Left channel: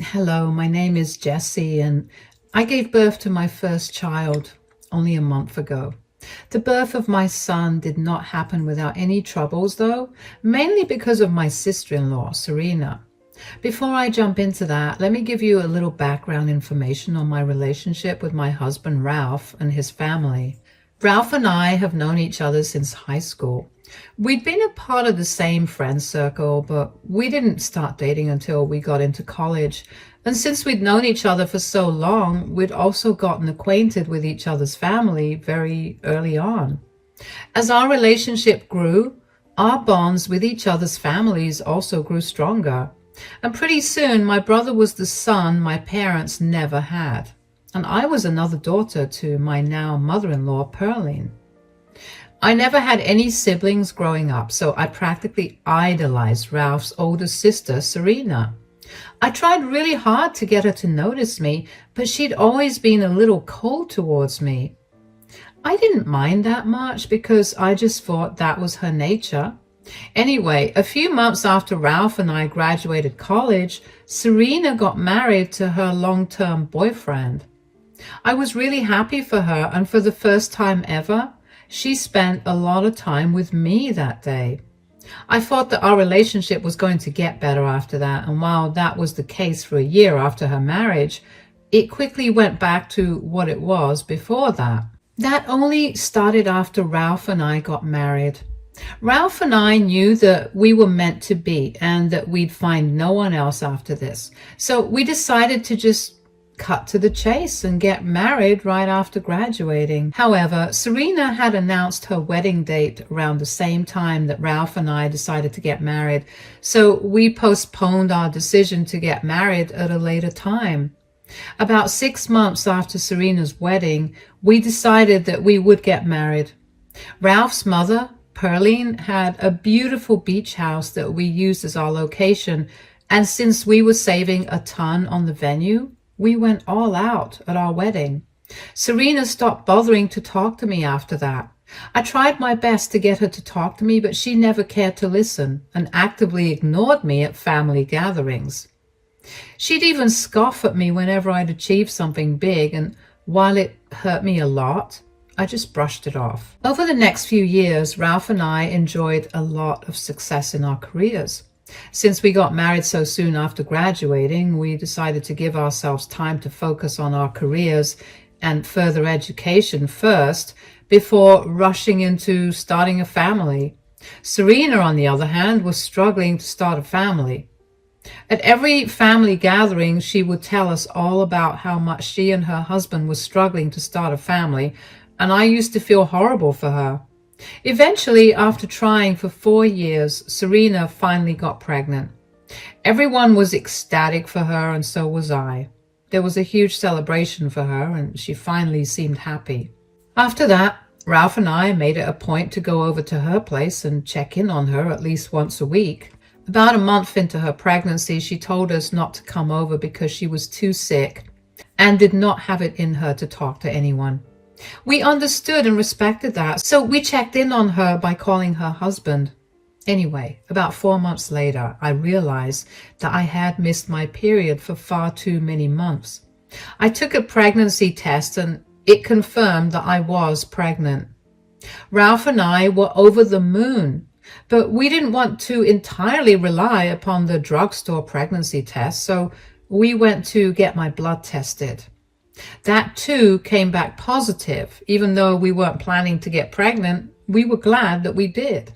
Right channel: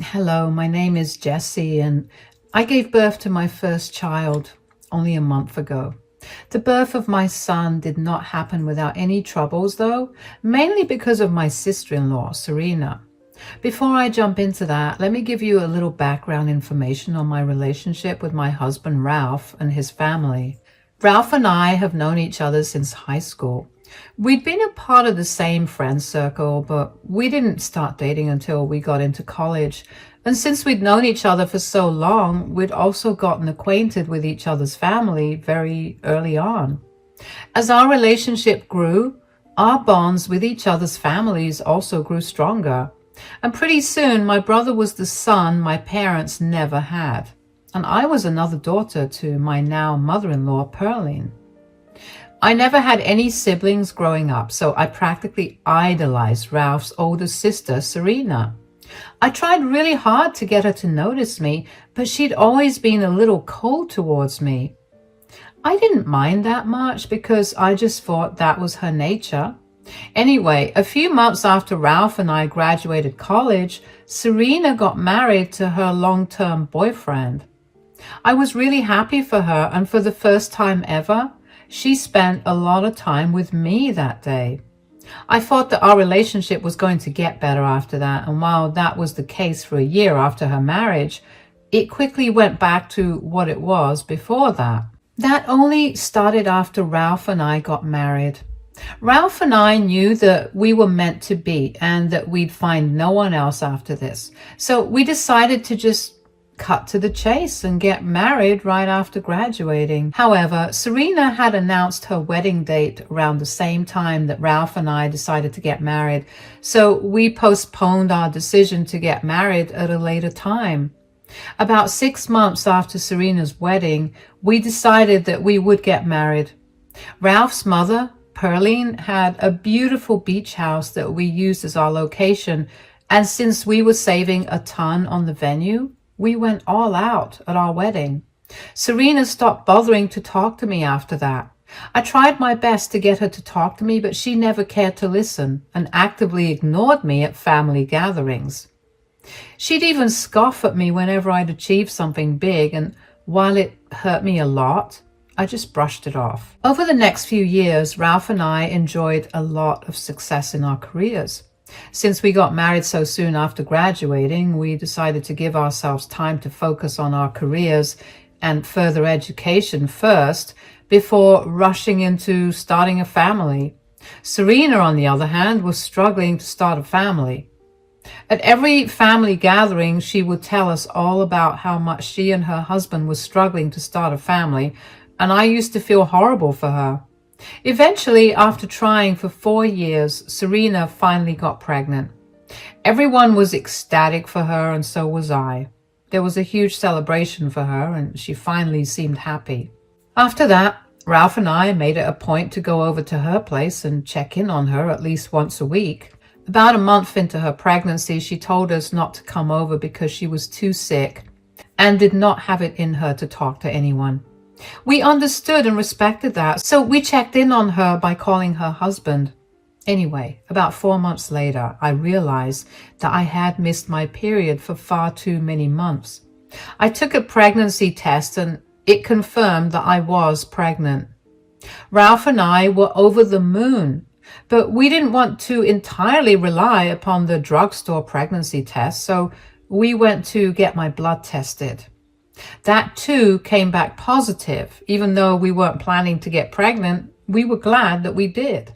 Hello, my name is Jessie, and I gave birth to my first child only a month ago. The birth of my son did not happen without any troubles, though, mainly because of my sister-in-law, Serena. Before I jump into that, let me give you a little background information on my relationship with my husband, Ralph, and his family. Ralph and I have known each other since high school. We'd been a part of the same friend circle, but we didn't start dating until we got into college. And since we'd known each other for so long, we'd also gotten acquainted with each other's family very early on. As our relationship grew, our bonds with each other's families also grew stronger. And pretty soon, my brother was the son my parents never had. And I was another daughter to my now mother-in-law, Pearline. I never had any siblings growing up, so I practically idolized Ralph's older sister, Serena. I tried really hard to get her to notice me, but she'd always been a little cold towards me. I didn't mind that much because I just thought that was her nature. Anyway, a few months after Ralph and I graduated college, Serena got married to her long-term boyfriend. I was really happy for her, and for the first time ever, she spent a lot of time with me that day. I thought that our relationship was going to get better after that, and while that was the case for a year after her marriage, it quickly went back to what it was before that. That only started after Ralph and I got married. Ralph and I knew that we were meant to be and that we'd find no one else after this. So we decided to just cut to the chase and get married right after graduating. However, Serena had announced her wedding date around the same time that Ralph and I decided to get married, so we postponed our decision to get married at a later time. About 6 months after Serena's wedding, we decided that we would get married. Ralph's mother, Pearline, had a beautiful beach house that we used as our location, and since we were saving a ton on the venue, we went all out at our wedding. Serena stopped bothering to talk to me after that. I tried my best to get her to talk to me, but she never cared to listen and actively ignored me at family gatherings. She'd even scoff at me whenever I'd achieved something big, and while it hurt me a lot, I just brushed it off. Over the next few years, Ralph and I enjoyed a lot of success in our careers. Since we got married so soon after graduating, we decided to give ourselves time to focus on our careers and further education first before rushing into starting a family. Serena, on the other hand, was struggling to start a family. At every family gathering, she would tell us all about how much she and her husband were struggling to start a family, and I used to feel horrible for her. Eventually, after trying for 4 years, Serena finally got pregnant. Everyone was ecstatic for her, and so was I. There was a huge celebration for her, and she finally seemed happy. After that, Ralph and I made it a point to go over to her place and check in on her at least once a week. About a month into her pregnancy, she told us not to come over because she was too sick and did not have it in her to talk to anyone. We understood and respected that, so we checked in on her by calling her husband. Anyway, about 4 months later, I realized that I had missed my period for far too many months. I took a pregnancy test and it confirmed that I was pregnant. Ralph and I were over the moon, but we didn't want to entirely rely upon the drugstore pregnancy test, so we went to get my blood tested. That too came back positive. Even though we weren't planning to get pregnant, we were glad that we did.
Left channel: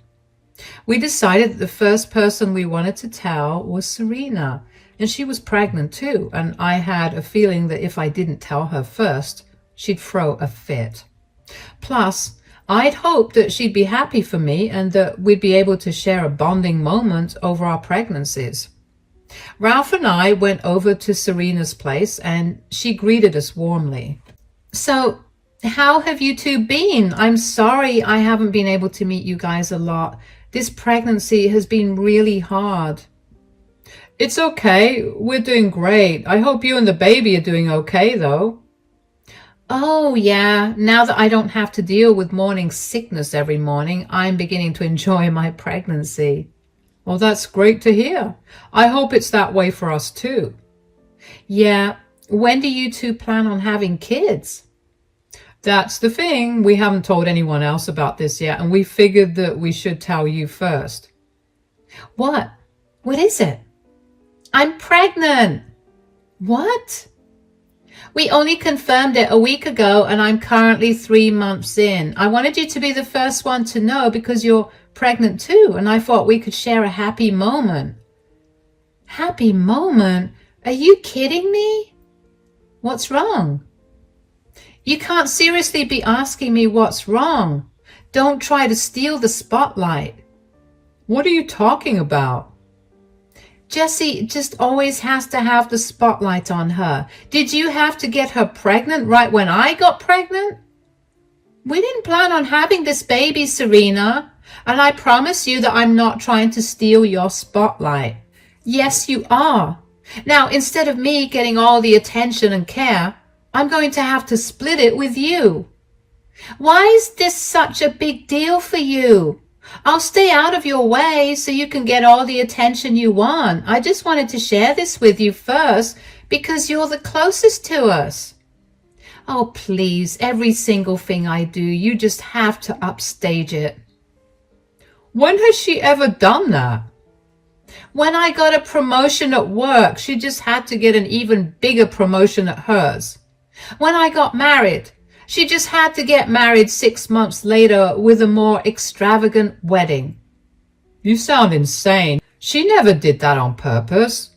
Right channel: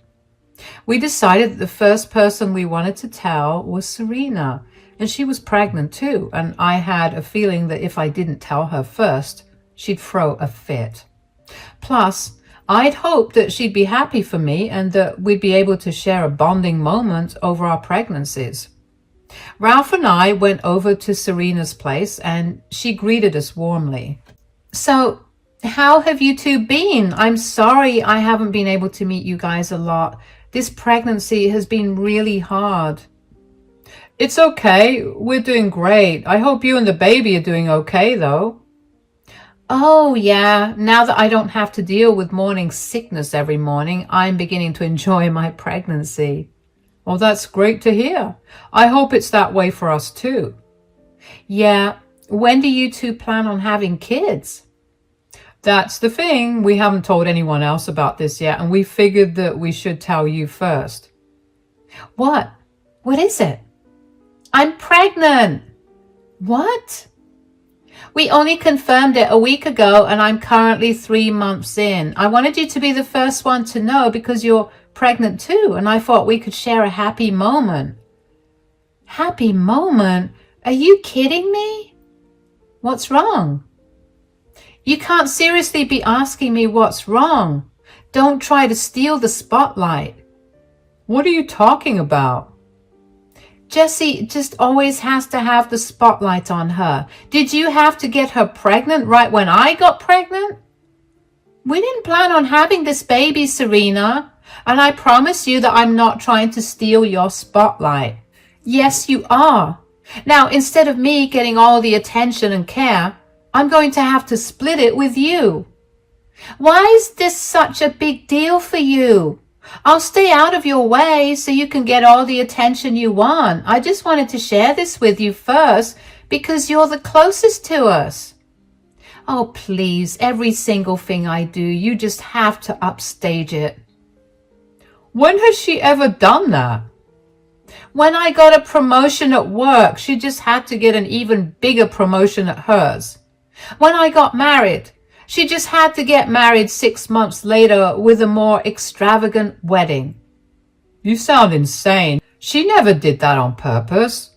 We decided that the first person we wanted to tell was Serena, and she was pregnant too, and I had a feeling that if I didn't tell her first, she'd throw a fit. Plus, I'd hoped that she'd be happy for me and that we'd be able to share a bonding moment over our pregnancies. Ralph and I went over to Serena's place and she greeted us warmly. "So, how have you two been? I'm sorry I haven't been able to meet you guys a lot. This pregnancy has been really hard." "It's okay. We're doing great. I hope you and the baby are doing okay, though." "Oh, yeah. Now that I don't have to deal with morning sickness every morning, I'm beginning to enjoy my pregnancy." "Well, that's great to hear. I hope it's that way for us too." Yeah, when do you two plan on having kids? That's the thing. We haven't told anyone else about this yet, and we figured that we should tell you first. What? What is it? I'm pregnant. What? We only confirmed it a week ago, and I'm currently 3 months in. I wanted you to be the first one to know because you're pregnant too, and I thought we could share a happy moment. Happy moment? Are you kidding me? What's wrong? You can't seriously be asking me what's wrong. Don't try to steal the spotlight. What are you talking about? Jessie just always has to have the spotlight on her. Did you have to get her pregnant right when I got pregnant? We didn't plan on having this baby, Serena. And I promise you that I'm not trying to steal your spotlight. Yes, you are. Now, instead of me getting all the attention and care, I'm going to have to split it with you. Why is this such a big deal for you? I'll stay out of your way so you can get all the attention you want. I just wanted to share this with you first because you're the closest to us. Oh, please, every single thing I do, you just have to upstage it. When has she ever done that? When I got a promotion at work, she just had to get an even bigger promotion at hers. When I got married, she just had to get married 6 months later with a more extravagant wedding. You sound insane. She never did that on purpose.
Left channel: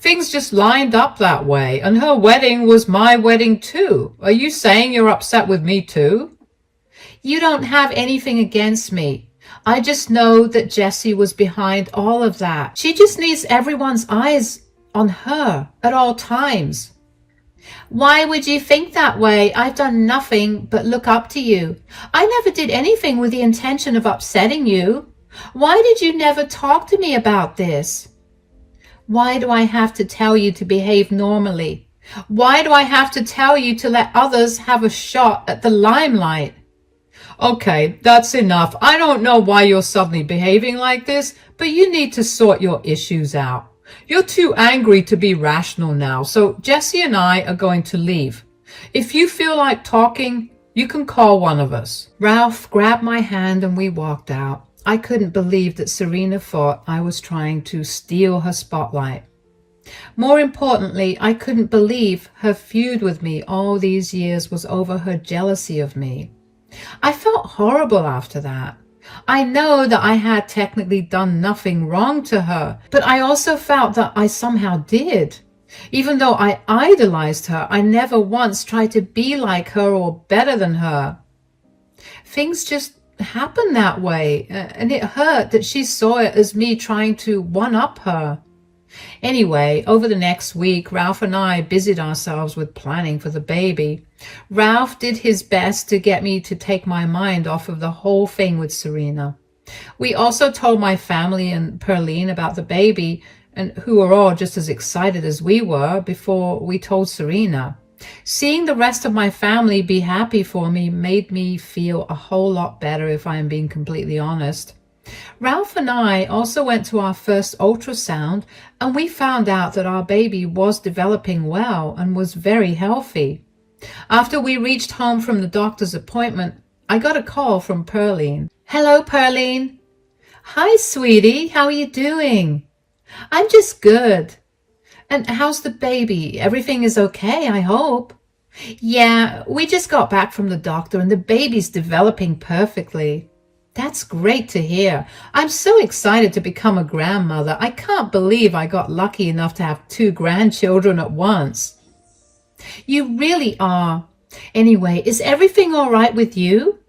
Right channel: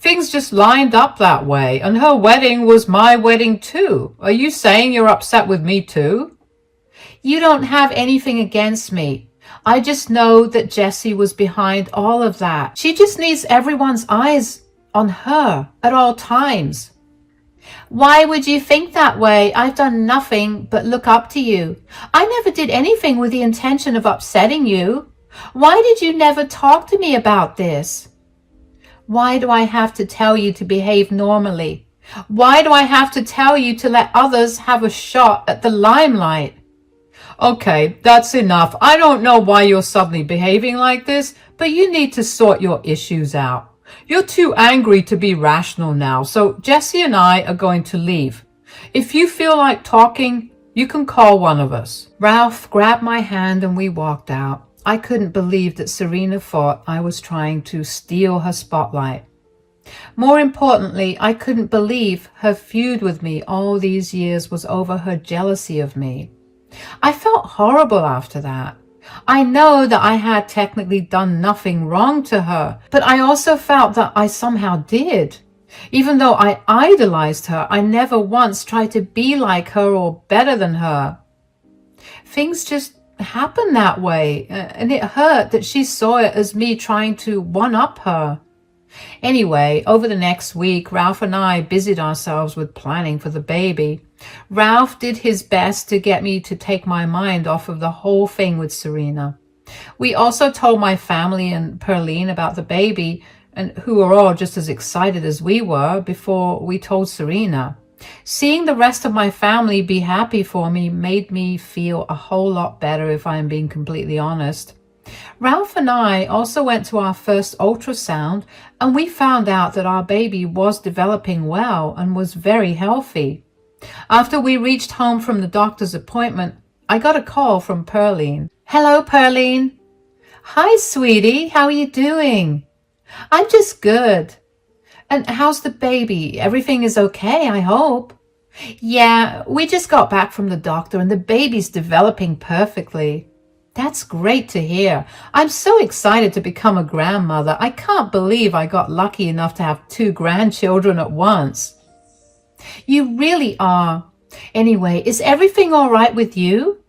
Things just lined up that way, and her wedding was my wedding too. Are you saying you're upset with me too? You don't have anything against me. I just know that Jessie was behind all of that. She just needs everyone's eyes on her at all times. Why would you think that way? I've done nothing but look up to you. I never did anything with the intention of upsetting you. Why did you never talk to me about this? Why do I have to tell you to behave normally? Why do I have to tell you to let others have a shot at the limelight? Okay, that's enough. I don't know why you're suddenly behaving like this, but you need to sort your issues out. You're too angry to be rational now, so Jessie and I are going to leave. If you feel like talking, you can call one of us. Ralph grabbed my hand and we walked out. I couldn't believe that Serena thought I was trying to steal her spotlight. More importantly, I couldn't believe her feud with me all these years was over her jealousy of me. I felt horrible after that. I know that I had technically done nothing wrong to her, but I also felt that I somehow did. Even though I idolized her, I never once tried to be like her or better than her. Things just happened that way, and it hurt that she saw it as me trying to one-up her. Anyway, over the next week, Ralph and I busied ourselves with planning for the baby. Ralph did his best to get me to take my mind off of the whole thing with Serena. We also told my family and Perline about the baby, and who were all just as excited as we were before we told Serena. Seeing the rest of my family be happy for me made me feel a whole lot better, if I am being completely honest. Ralph and I also went to our first ultrasound, and we found out that our baby was developing well and was very healthy. After we reached home from the doctor's appointment, I got a call from Perline. Hello, Perline. Hi, sweetie. How are you doing? I'm just good. And how's the baby? Everything is okay, I hope. Yeah, we just got back from the doctor and the baby's developing perfectly. That's great to hear. I'm so excited to become a grandmother. I can't believe I got lucky enough to have 2 grandchildren at once. You really are. Anyway, is everything all right with you?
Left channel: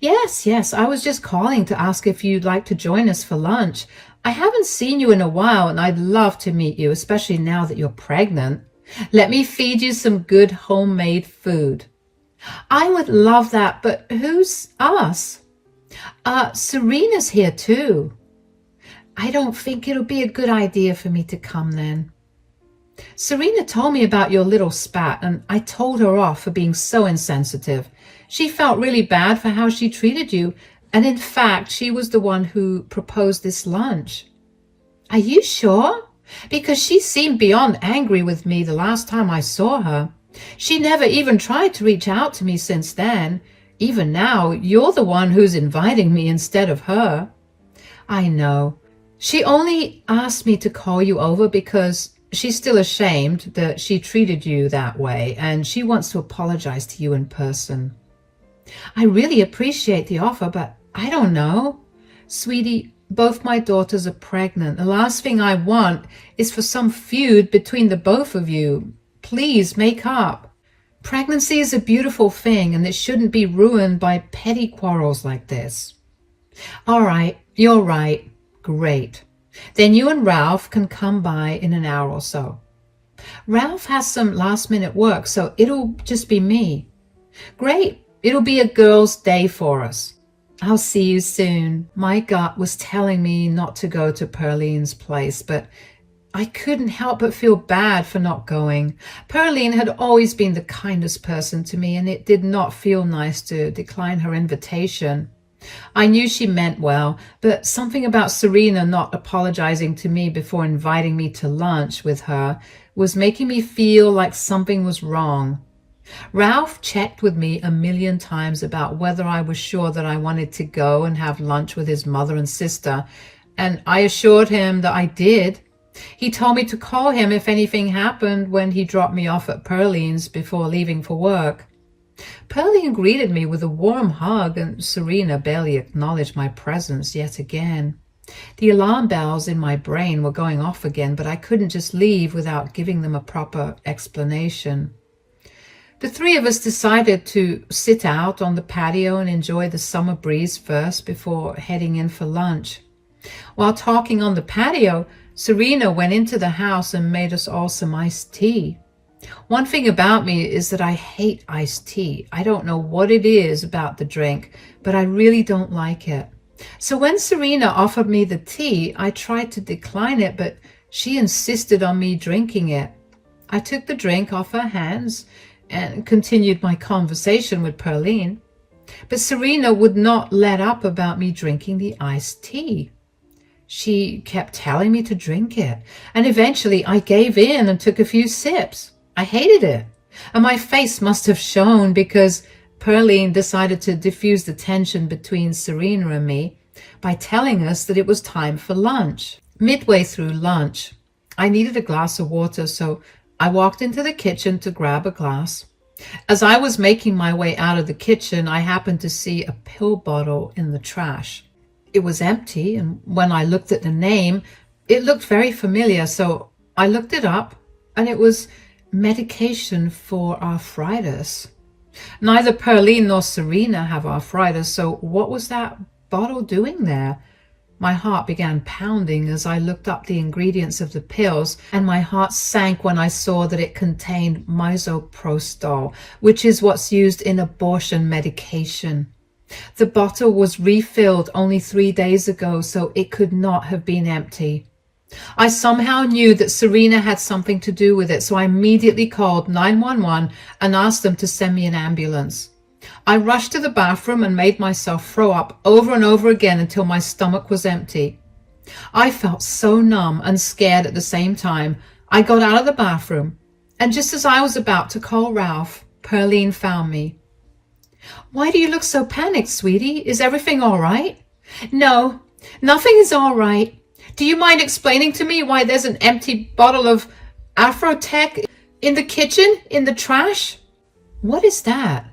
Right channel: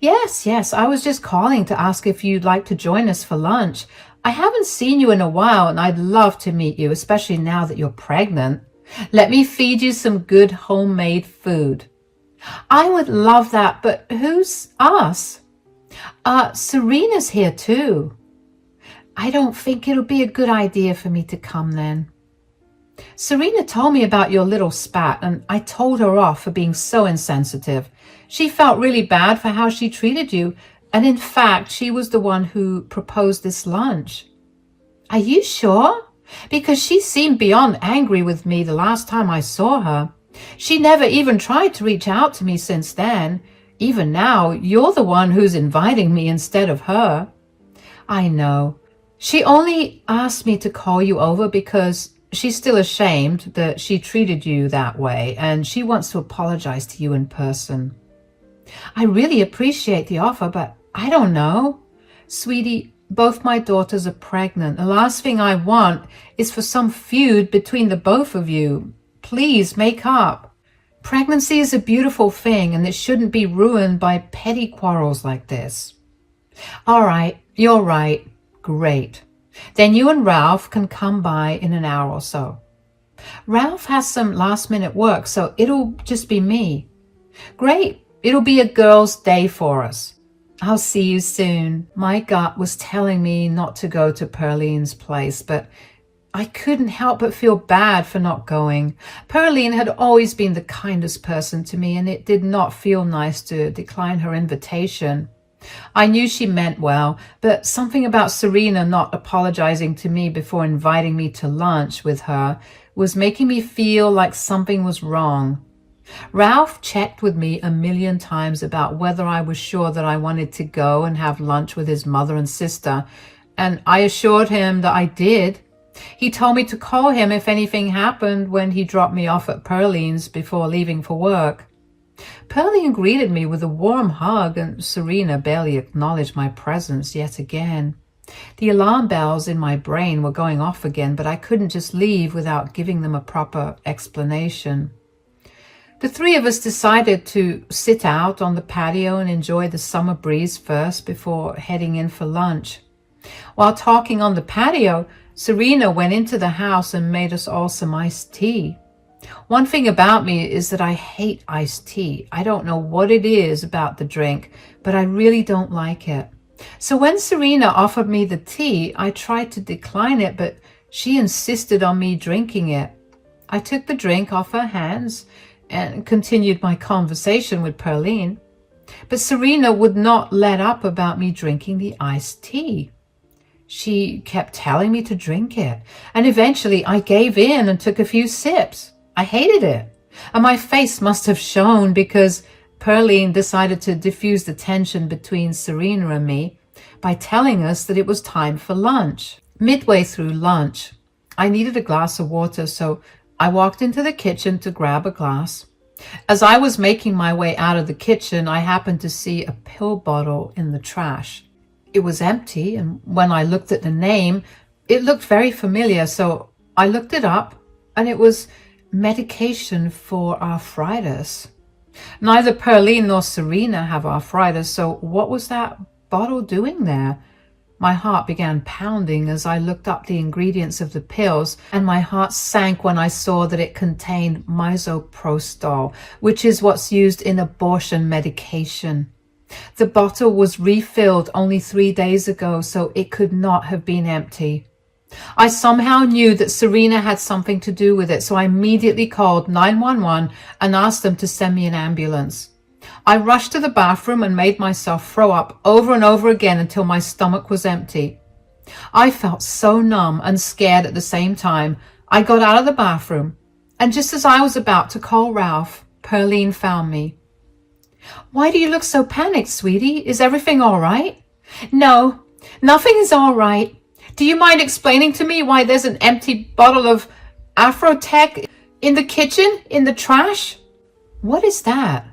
Yes. I was just calling to ask if you'd like to join us for lunch. I haven't seen you in a while, and I'd love to meet you, especially now that you're pregnant. Let me feed you some good homemade food. I would love that, but who's us? Serena's here too. I don't think it'll be a good idea for me to come then. Serena told me about your little spat, and I told her off for being so insensitive. She felt really bad for how she treated you, and in fact, she was the one who proposed this lunch. Are you sure? because she seemed beyond angry with me the last time I saw her. She never even tried to reach out to me since then. Even now, you're the one who's inviting me instead of her. I know. She only asked me to call you over because she's still ashamed that she treated you that way, and she wants to apologize to you in person. I really appreciate the offer, but I don't know. Sweetie, both my daughters are pregnant. The last thing I want is for some feud between the both of you. Please make up. Pregnancy is a beautiful thing, and it shouldn't be ruined by petty quarrels like this. All right, you're right. Great. Then you and Ralph can come by in an hour or so. Ralph has some last-minute work, so it'll just be me. Great. It'll be a girls' day for us. I'll see you soon. My gut was telling me not to go to Perline's place, but I couldn't help but feel bad for not going. Perline had always been the kindest person to me, and it did not feel nice to decline her invitation. I knew she meant well, but something about Serena not apologizing to me before inviting me to lunch with her was making me feel like something was wrong. Ralph checked with me 1,000,000 times about whether I was sure that I wanted to go and have lunch with his mother and sister, and I assured him that I did. He told me to call him if anything happened when he dropped me off at Perline's before leaving for work. Perline greeted me with a warm hug, and Serena barely acknowledged my presence yet again. The alarm bells in my brain were going off again, but I couldn't just leave without giving them a proper explanation. The three of us decided to sit out on the patio and enjoy the summer breeze first before heading in for lunch. While talking on the patio, Serena went into the house and made us all some iced tea. One thing about me is that I hate iced tea. I don't know what it is about the drink, but I really don't like it. So when Serena offered me the tea, I tried to decline it, but she insisted on me drinking it. I took the drink off her hands and continued my conversation with Perline. But Serena would not let up about me drinking the iced tea. She kept telling me to drink it, and eventually I gave in and took a few sips. I hated it, and my face must have shone because Perline decided to diffuse the tension between Serena and me by telling us that it was time for lunch. Midway through lunch, I needed a glass of water, so I walked into the kitchen to grab a glass. As I was making my way out of the kitchen, I happened to see a pill bottle in the trash. It was empty, and when I looked at the name, it looked very familiar, so I looked it up, and it was medication for arthritis. Neither Perline nor Serena have arthritis, so what was that bottle doing there? My heart began pounding as I looked up the ingredients of the pills, and my heart sank when I saw that it contained misoprostol, which is what's used in abortion medication. The bottle was refilled only 3 days ago, so it could not have been empty. I somehow knew that Serena had something to do with it, so I immediately called 911 and asked them to send me an ambulance. I rushed to the bathroom and made myself throw up over and over again until my stomach was empty. I felt so numb and scared at the same time. I got out of the bathroom, and just as I was about to call Ralph, Perline found me. "Why do you look so panicked, sweetie? Is everything all right?" "No, nothing is all right. Do you mind explaining to me why there's an empty bottle of Afrotech in the kitchen, in the trash?" "What is that?"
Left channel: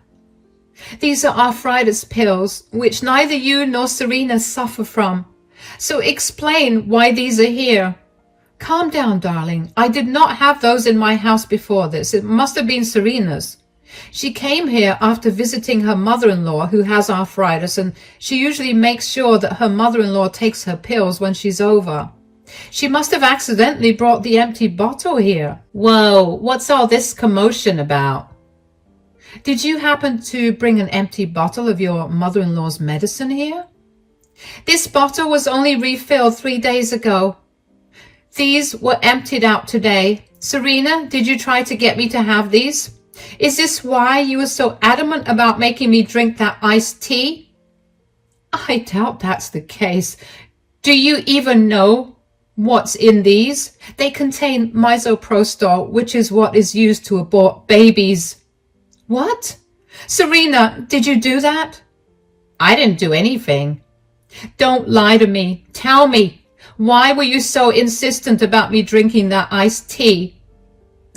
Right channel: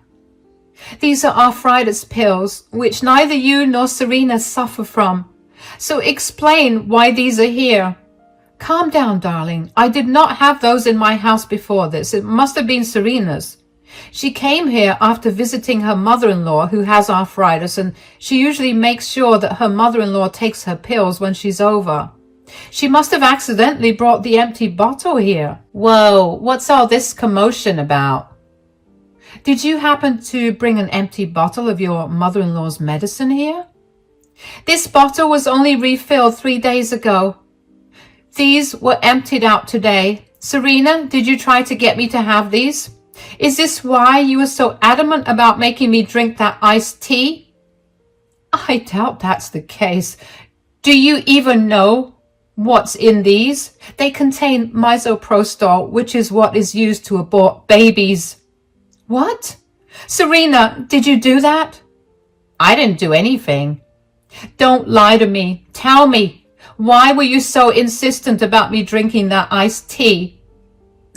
"These are arthritis pills, which neither you nor Serena suffer from. So explain why these are here." "Calm down, darling. I did not have those in my house before this. It must have been Serena's. She came here after visiting her mother-in-law who has arthritis, and she usually makes sure that her mother-in-law takes her pills when she's over. She must have accidentally brought the empty bottle here." "Whoa, what's all this commotion about?" "Did you happen to bring an empty bottle of your mother-in-law's medicine here?" "This bottle was only refilled 3 days ago. These were emptied out today. Serena, did you try to get me to have these? Is this why you were so adamant about making me drink that iced tea?" "I doubt that's the case. Do you even know What's in these? They contain misoprostol, which is what is used to abort babies. What? Serena, did you do that? I didn't do anything. Don't lie to me. Tell me, why were you so insistent about me drinking that iced tea?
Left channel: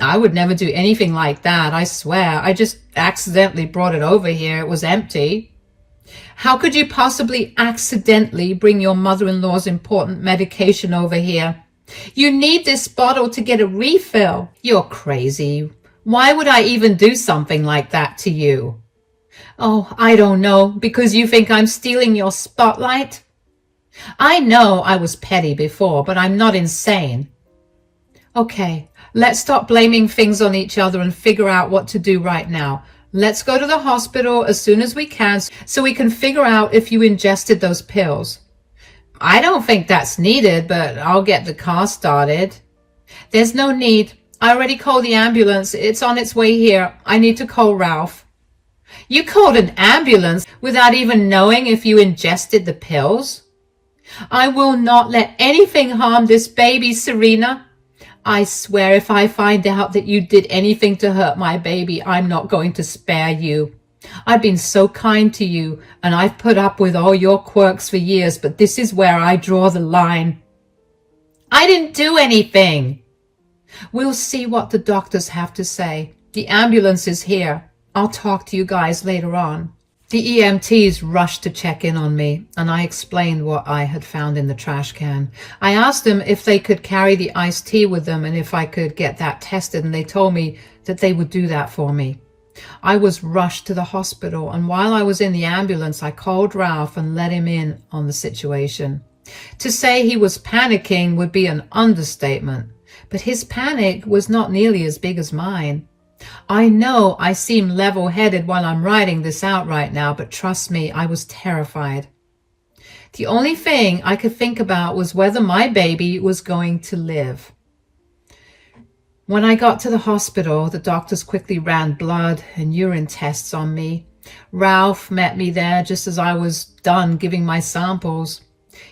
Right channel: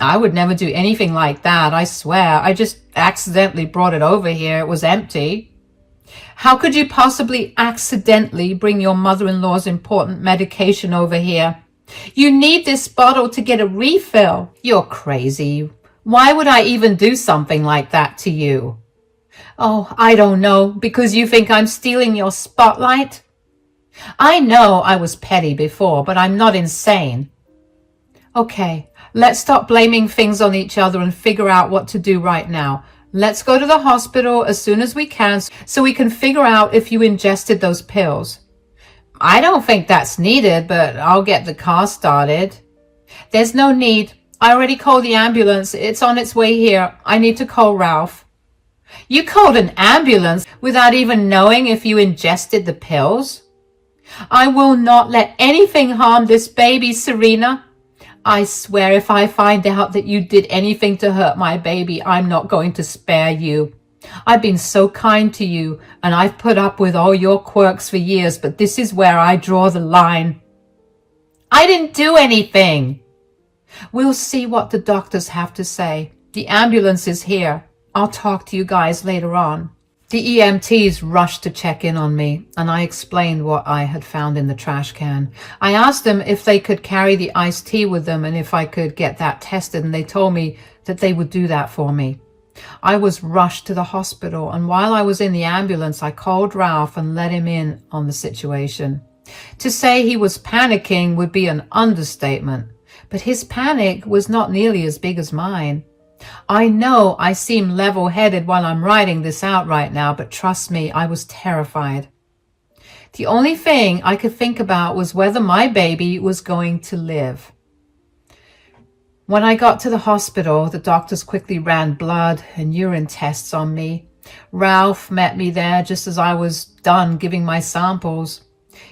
I would never do anything like that, I swear. I just accidentally brought it over here. It was empty. How could you possibly accidentally bring your mother-in-law's important medication over here? You need this bottle to get a refill. You're crazy. Why would I even do something like that to you? Oh, I don't know, because you think I'm stealing your spotlight? I know I was petty before, but I'm not insane. Okay, let's stop blaming things on each other and figure out what to do right now. Let's go to the hospital as soon as we can so we can figure out if you ingested those pills. I don't think that's needed, but I'll get the car started. There's no need. I already called the ambulance. It's on its way here. I need to call Ralph. You called an ambulance without even knowing if you ingested the pills? I will not let anything harm this baby, Serena. I swear if I find out that you did anything to hurt my baby, I'm not going to spare you. I've been so kind to you, and I've put up with all your quirks for years, but this is where I draw the line. I didn't do anything. We'll see what the doctors have to say. The ambulance is here. I'll talk to you guys later on. The EMTs rushed to check in on me, and I explained what I had found in the trash can. I asked them if they could carry the iced tea with them and if I could get that tested, and they told me that they would do that for me. I was rushed to the hospital, and while I was in the ambulance, I called Ralph and let him in on the situation. To say he was panicking would be an understatement, but his panic was not nearly as big as mine. I know I seem level-headed while I'm writing this out right now, but trust me, I was terrified. The only thing I could think about was whether my baby was going to live. When I got to the hospital, the doctors quickly ran blood and urine tests on me. Ralph met me there just as I was done giving my samples.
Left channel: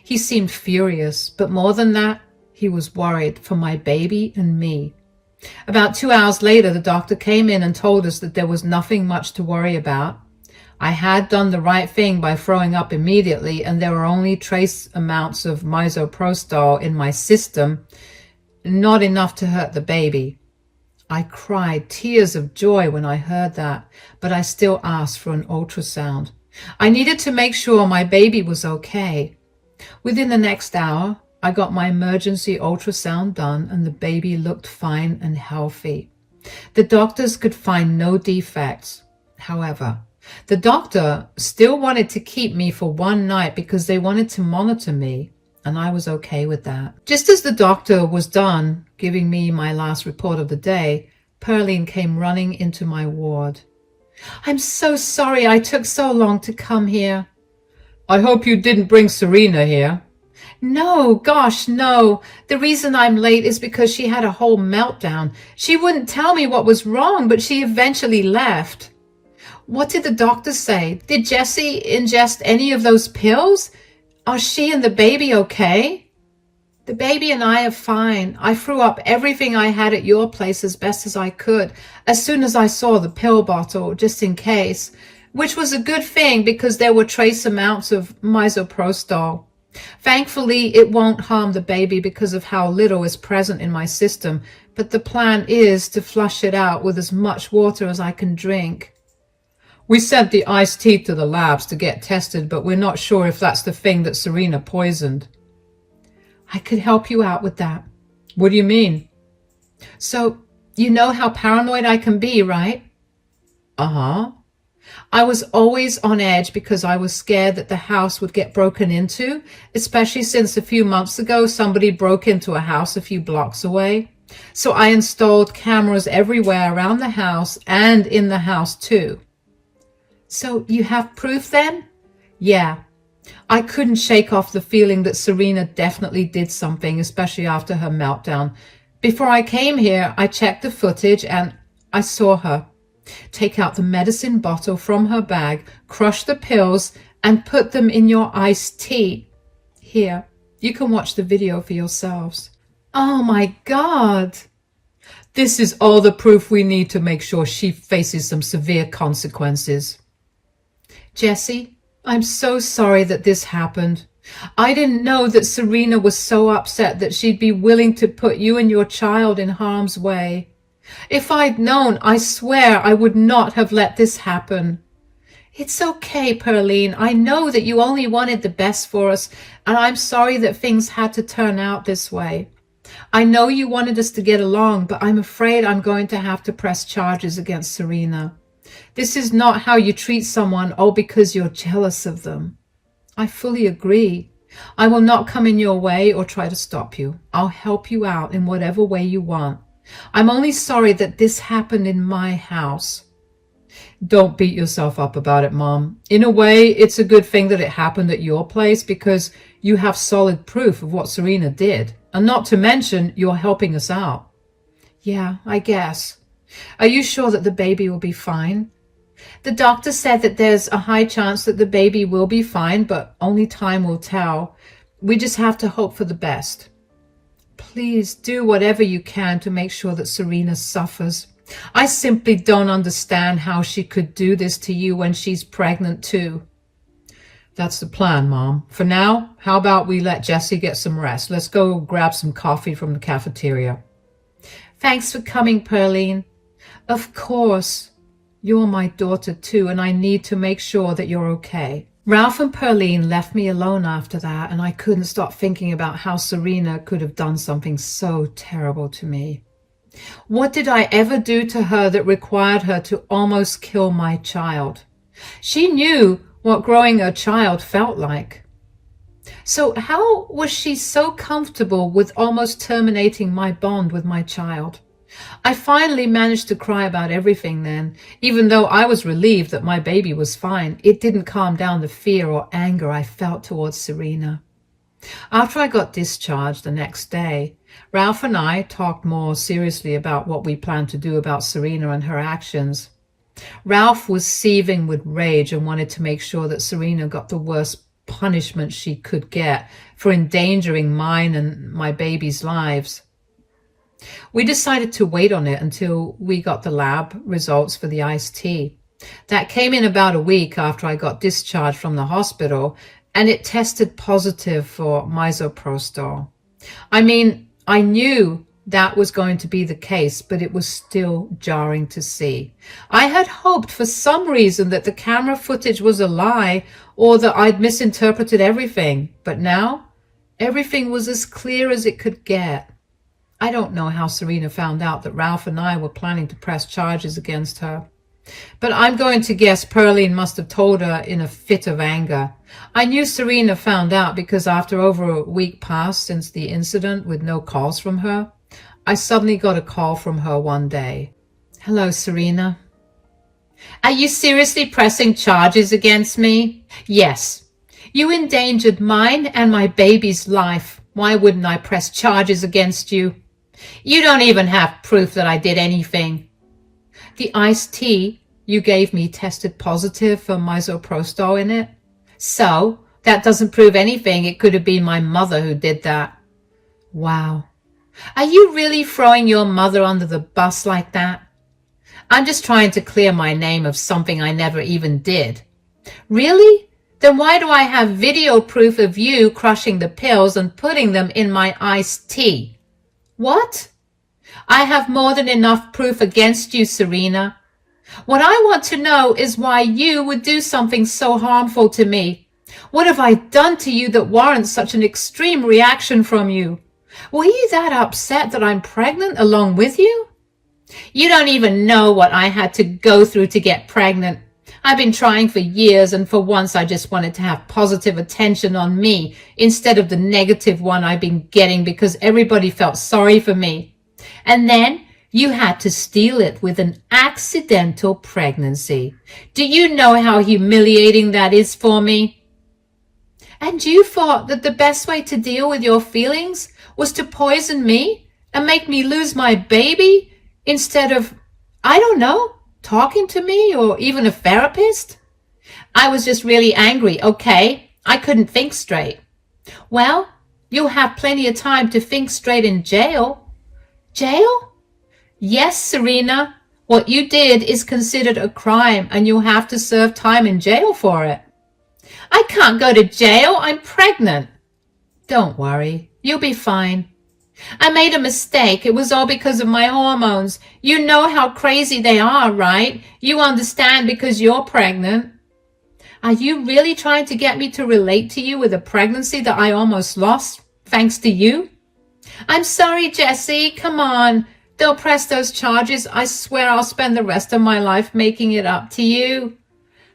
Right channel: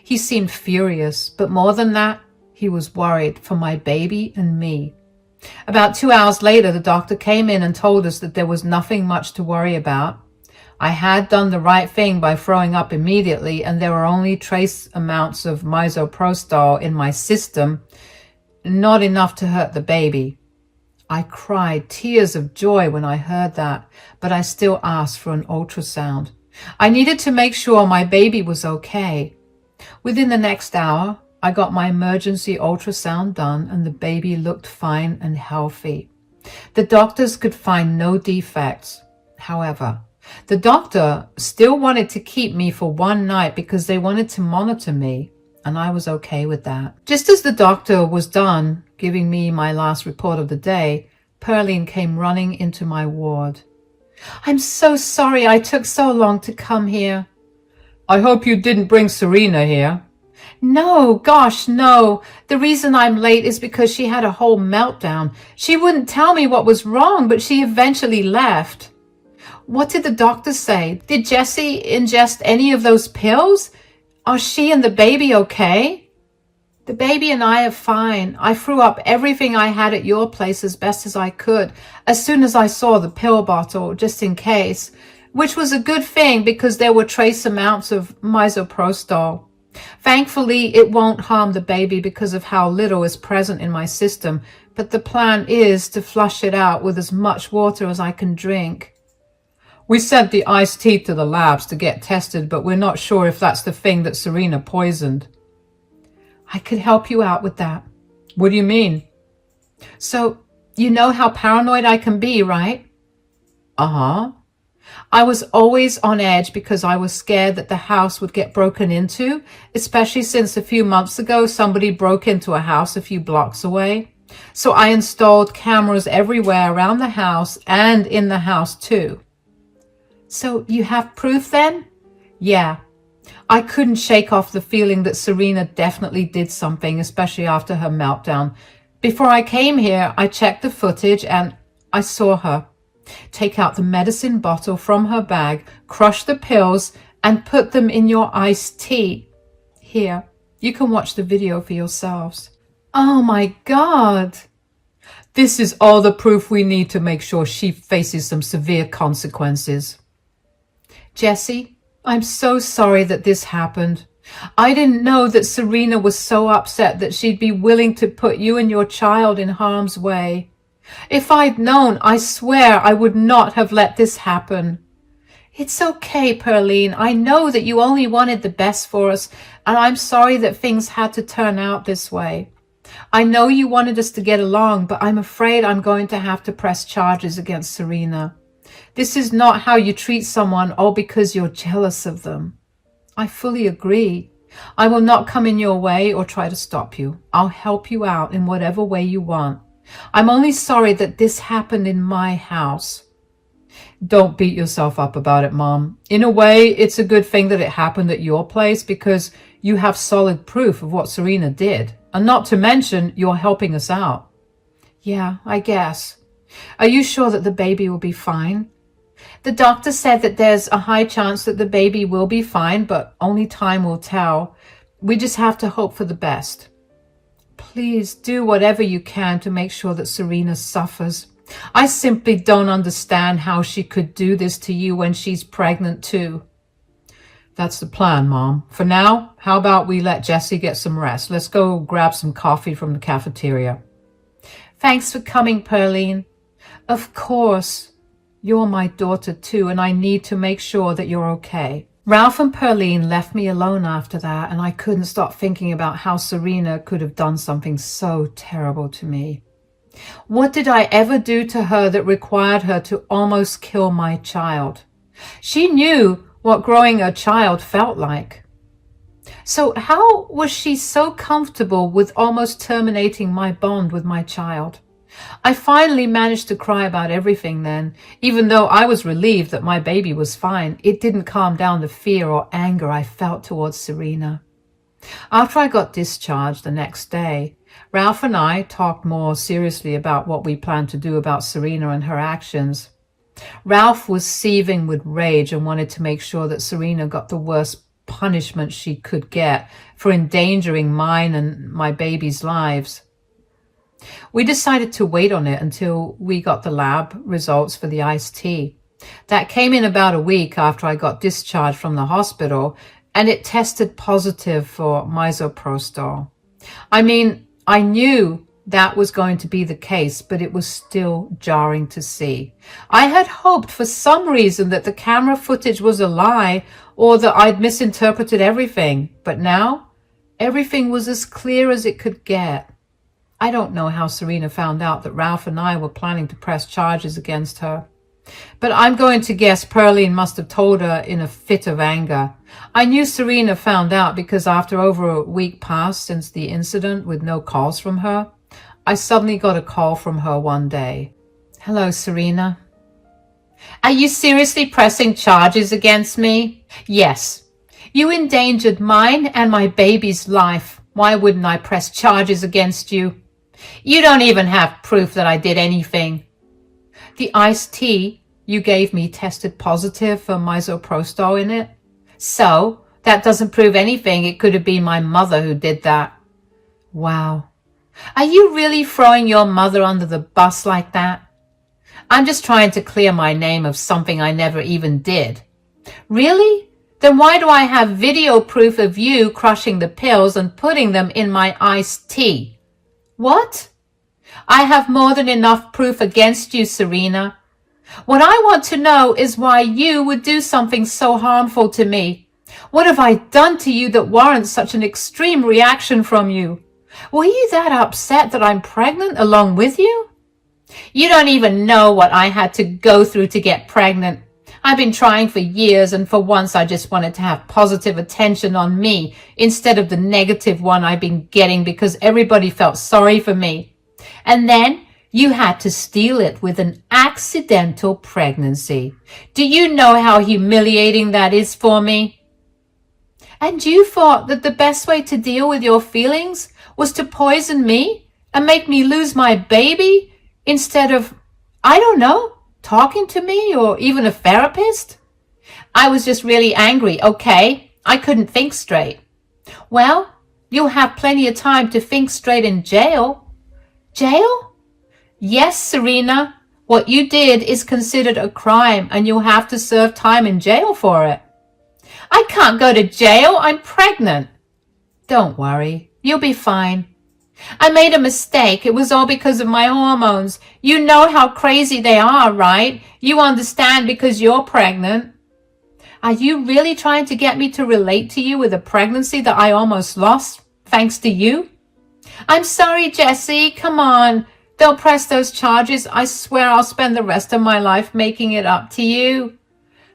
He seemed furious, but more than that, he was worried for my baby and me. About 2 hours later, the doctor came in and told us that there was nothing much to worry about. I had done the right thing by throwing up immediately, and there were only trace amounts of misoprostol in my system, not enough to hurt the baby. I cried tears of joy when I heard that, but I still asked for an ultrasound. I needed to make sure my baby was okay. Within the next hour, I got my emergency ultrasound done, and the baby looked fine and healthy. The doctors could find no defects. However, the doctor still wanted to keep me for one night because they wanted to monitor me, and I was okay with that. Just as the doctor was done giving me my last report of the day, Pearline came running into my ward. I'm so sorry I took so long to come here. I hope you didn't bring Serena here. No, gosh, no. The reason I'm late is because she had a whole meltdown. She wouldn't tell me what was wrong, but she eventually left. What did the doctor say? Did Jessie ingest any of those pills? Are she and the baby okay? The baby and I are fine. I threw up everything I had at your place as best as I could, as soon as I saw the pill bottle, just in case, which was a good thing because there were trace amounts of misoprostol. Thankfully, it won't harm the baby because of how little is present in my system, but the plan is to flush it out with as much water as I can drink. We sent the iced tea to the labs to get tested, but we're not sure if that's the thing that Serena poisoned. I could help you out with that. What do you mean? So, you know how paranoid I can be, right? Uh-huh. I was always on edge because I was scared that the house would get broken into, especially since a few months ago somebody broke into a house a few blocks away. So I installed cameras everywhere around the house and in the house too. So you have proof then? Yeah. I couldn't shake off the feeling that Serena definitely did something, especially after her meltdown. Before I came here, I checked the footage and I saw her take out the medicine bottle from her bag, crush the pills, and put them in your iced tea. Here, You can watch the video for yourselves. Oh my God. This is all the proof we need to make sure she faces some severe consequences. Jesse, I'm so sorry that this happened. I didn't know that Serena was so upset that she'd be willing to put you and your child in harm's way. If I'd known, I swear I would not have let this happen. It's okay, Pearline. I know that you only wanted the best for us, and I'm sorry that things had to turn out this way. I know you wanted us to get along, but I'm afraid I'm going to have to press charges against Serena. This is not how you treat someone all because you're jealous of them. I fully agree. I will not come in your way or try to stop you. I'll help you out in whatever way you want. I'm only sorry that this happened in my house. Don't beat yourself up about it, Mom. In a way, it's a good thing that it happened at your place because you have solid proof of what Serena did. And not to mention, you're helping us out. Yeah, I guess. Are you sure that the baby will be fine? The doctor said that there's a high chance that the baby will be fine, but only time will tell. We just have to hope for the best. Please do whatever you can to make sure that Serena suffers. I simply don't understand how she could do this to you when she's pregnant too. That's the plan, Mom. For now, how about we let Jessie get some rest? Let's go grab some coffee from the cafeteria. Thanks for coming, Pearline. Of course. You're my daughter too, and I need to make sure that you're okay. Ralph and Pearline left me alone after that, and I couldn't stop thinking about how Serena could have done something so terrible to me. What did I ever do to her that required her to almost kill my child? She knew what growing a child felt like. So how was she so comfortable with almost terminating my bond with my child? I finally managed to cry about everything then. Even though I was relieved that my baby was fine, it didn't calm down the fear or anger I felt towards Serena. After I got discharged the next day, Ralph and I talked more seriously about what we planned to do about Serena and her actions. Ralph was seething with rage and wanted to make sure that Serena got the worst punishment she could get for endangering mine and my baby's lives. We decided to wait on it until we got the lab results for the iced tea. That came in about a week after I got discharged from the hospital, and it tested positive for misoprostol. I mean, I knew that was going to be the case, but it was still jarring to see. I had hoped for some reason that the camera footage was a lie or that I'd misinterpreted everything, but now everything was as clear as it could get. I don't know how Serena found out that Ralph and I were planning to press charges against her, but I'm going to guess Pearline must have told her in a fit of anger. I knew Serena found out because after over a week passed since the incident with no calls from her, I suddenly got a call from her one day. Hello, Serena. Are you seriously pressing charges against me? Yes. You endangered mine and my baby's life. Why wouldn't I press charges against you? You don't even have proof that I did anything. The iced tea you gave me tested positive for misoprostol in it. So, that doesn't prove anything. It could have been my mother who did that. Wow. Are you really throwing your mother under the bus like that? I'm just trying to clear my name of something I never even did. Really? Then why do I have video proof of you crushing the pills and putting them in my iced tea? What? I have more than enough proof against you, Serena. What I want to know is why you would do something so harmful to me. What have I done to you that warrants such an extreme reaction from you? Were you that upset that I'm pregnant along with you? You don't even know what I had to go through to get pregnant. I've been trying for years, and for once I just wanted to have positive attention on me instead of the negative one I've been getting because everybody felt sorry for me. And then you had to steal it with an accidental pregnancy. Do you know how humiliating that is for me? And you thought that the best way to deal with your feelings was to poison me and make me lose my baby instead of, I don't know, talking to me or even a therapist? I was just really angry, okay? I couldn't think straight. Well, You'll have plenty of time to think straight in jail. Jail? Yes, Serena. What you did is considered a crime and you'll have to serve time in jail for it. I can't go to jail. I'm pregnant. Don't worry. You'll be fine. I made a mistake. It was all because of my hormones. You know how crazy they are, right? You understand because you're pregnant. Are you really trying to get me to relate to you with a pregnancy that I almost lost, thanks to you? I'm sorry, Jessie. Come on. They'll press those charges. I swear I'll spend the rest of my life making it up to you.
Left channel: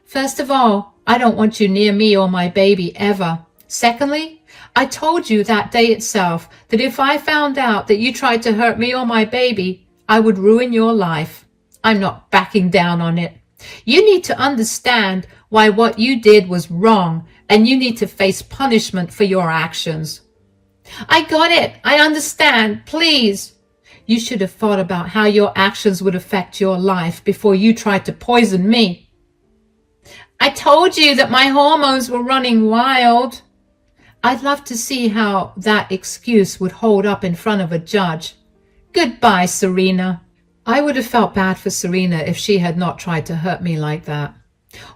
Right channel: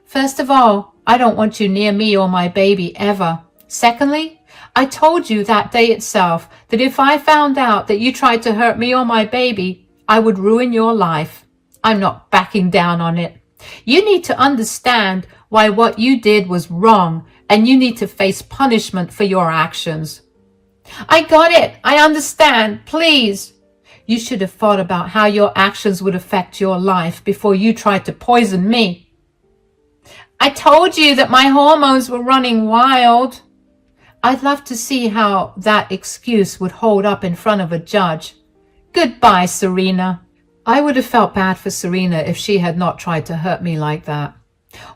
First of all, I don't want you near me or my baby ever. Secondly, I told you that day itself that if I found out that you tried to hurt me or my baby, I would ruin your life. I'm not backing down on it. You need to understand why what you did was wrong, and you need to face punishment for your actions. I got it. I understand. Please. You should have thought about how your actions would affect your life before you tried to poison me. I told you that my hormones were running wild. I'd love to see how that excuse would hold up in front of a judge. Goodbye, Serena. I would have felt bad for Serena if she had not tried to hurt me like that.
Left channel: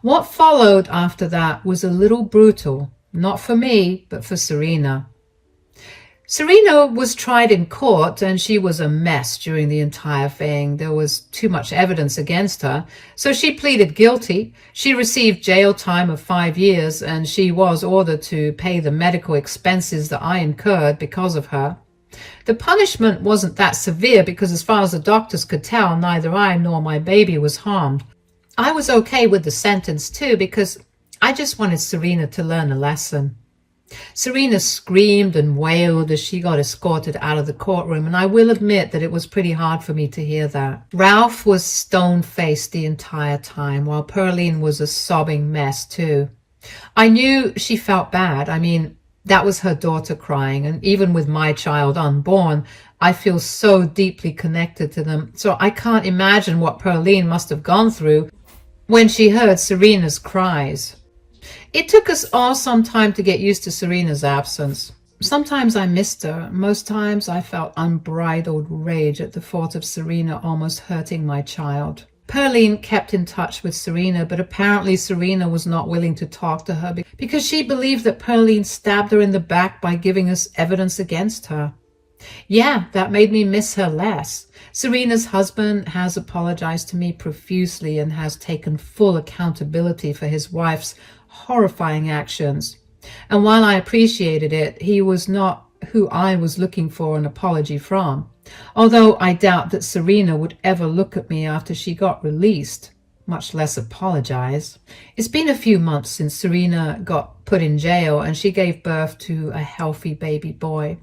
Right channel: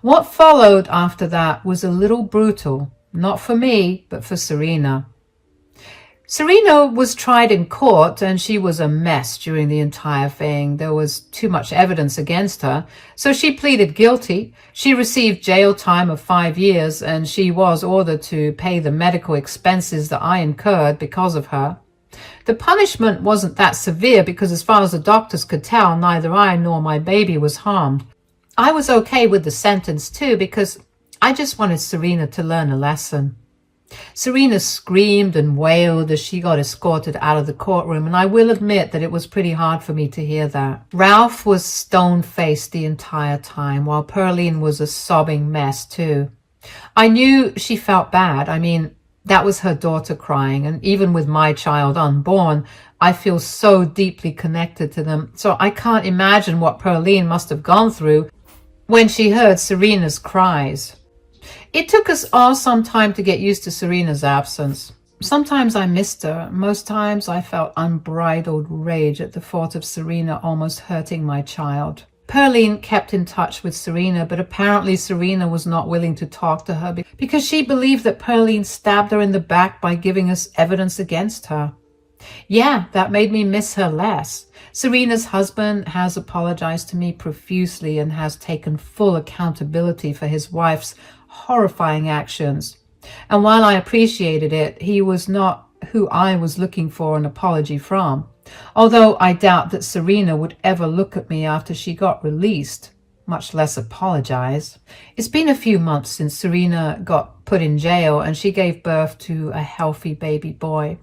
What followed after that was a little brutal, not for me, but for Serena. Serena was tried in court and she was a mess during the entire thing. There was too much evidence against her, so she pleaded guilty. She received jail time of 5 years and she was ordered to pay the medical expenses that I incurred because of her. The punishment wasn't that severe because as far as the doctors could tell, neither I nor my baby was harmed. I was okay with the sentence too because I just wanted Serena to learn a lesson. Serena screamed and wailed as she got escorted out of the courtroom, and I will admit that it was pretty hard for me to hear that. Ralph was stone-faced the entire time, while Pearline was a sobbing mess too. I knew she felt bad. I mean, that was her daughter crying, and even with my child unborn, I feel so deeply connected to them, so I can't imagine what Pearline must have gone through when she heard Serena's cries. It took us all some time to get used to Serena's absence. Sometimes I missed her. Most times I felt unbridled rage at the thought of Serena almost hurting my child. Pearline kept in touch with Serena, but apparently Serena was not willing to talk to her because she believed that Pearline stabbed her in the back by giving us evidence against her. Yeah, that made me miss her less. Serena's husband has apologized to me profusely and has taken full accountability for his wife's horrifying actions. And while I appreciated it, he was not who I was looking for an apology from. Although I doubt that Serena would ever look at me after she got released, much less apologize. It's been a few months since Serena got put in jail and she gave birth to a healthy baby boy.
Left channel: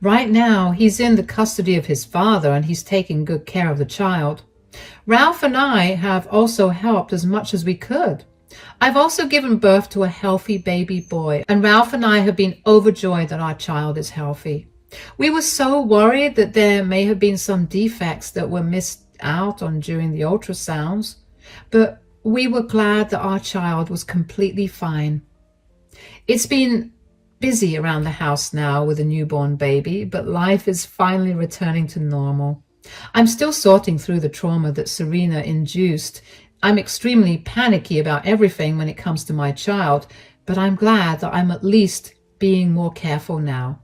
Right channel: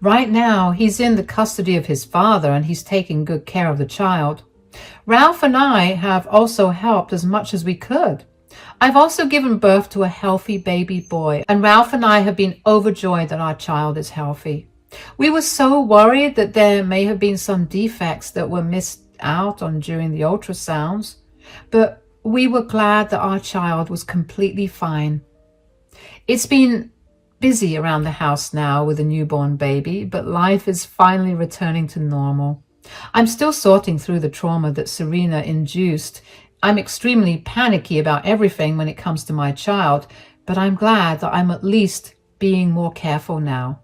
Right now, he's in the custody of his father and he's taking good care of the child. Ralph and I have also helped as much as we could. I've also given birth to a healthy baby boy, and Ralph and I have been overjoyed that our child is healthy. We were so worried that there may have been some defects that were missed out on during the ultrasounds, but we were glad that our child was completely fine. It's been busy around the house now with a newborn baby, but life is finally returning to normal. I'm still sorting through the trauma that Serena induced. I'm extremely panicky about everything when it comes to my child, but I'm glad that I'm at least being more careful now.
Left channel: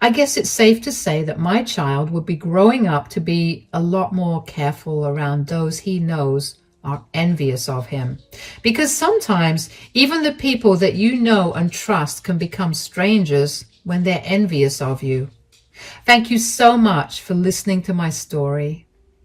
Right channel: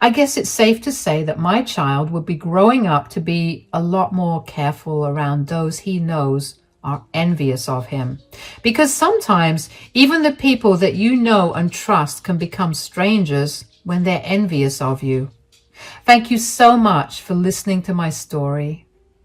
I guess it's safe to say that my child would be growing up to be a lot more careful around those he knows are envious of him. Because sometimes even the people that you know and trust can become strangers when they're envious of you. Thank you so much for listening to my story.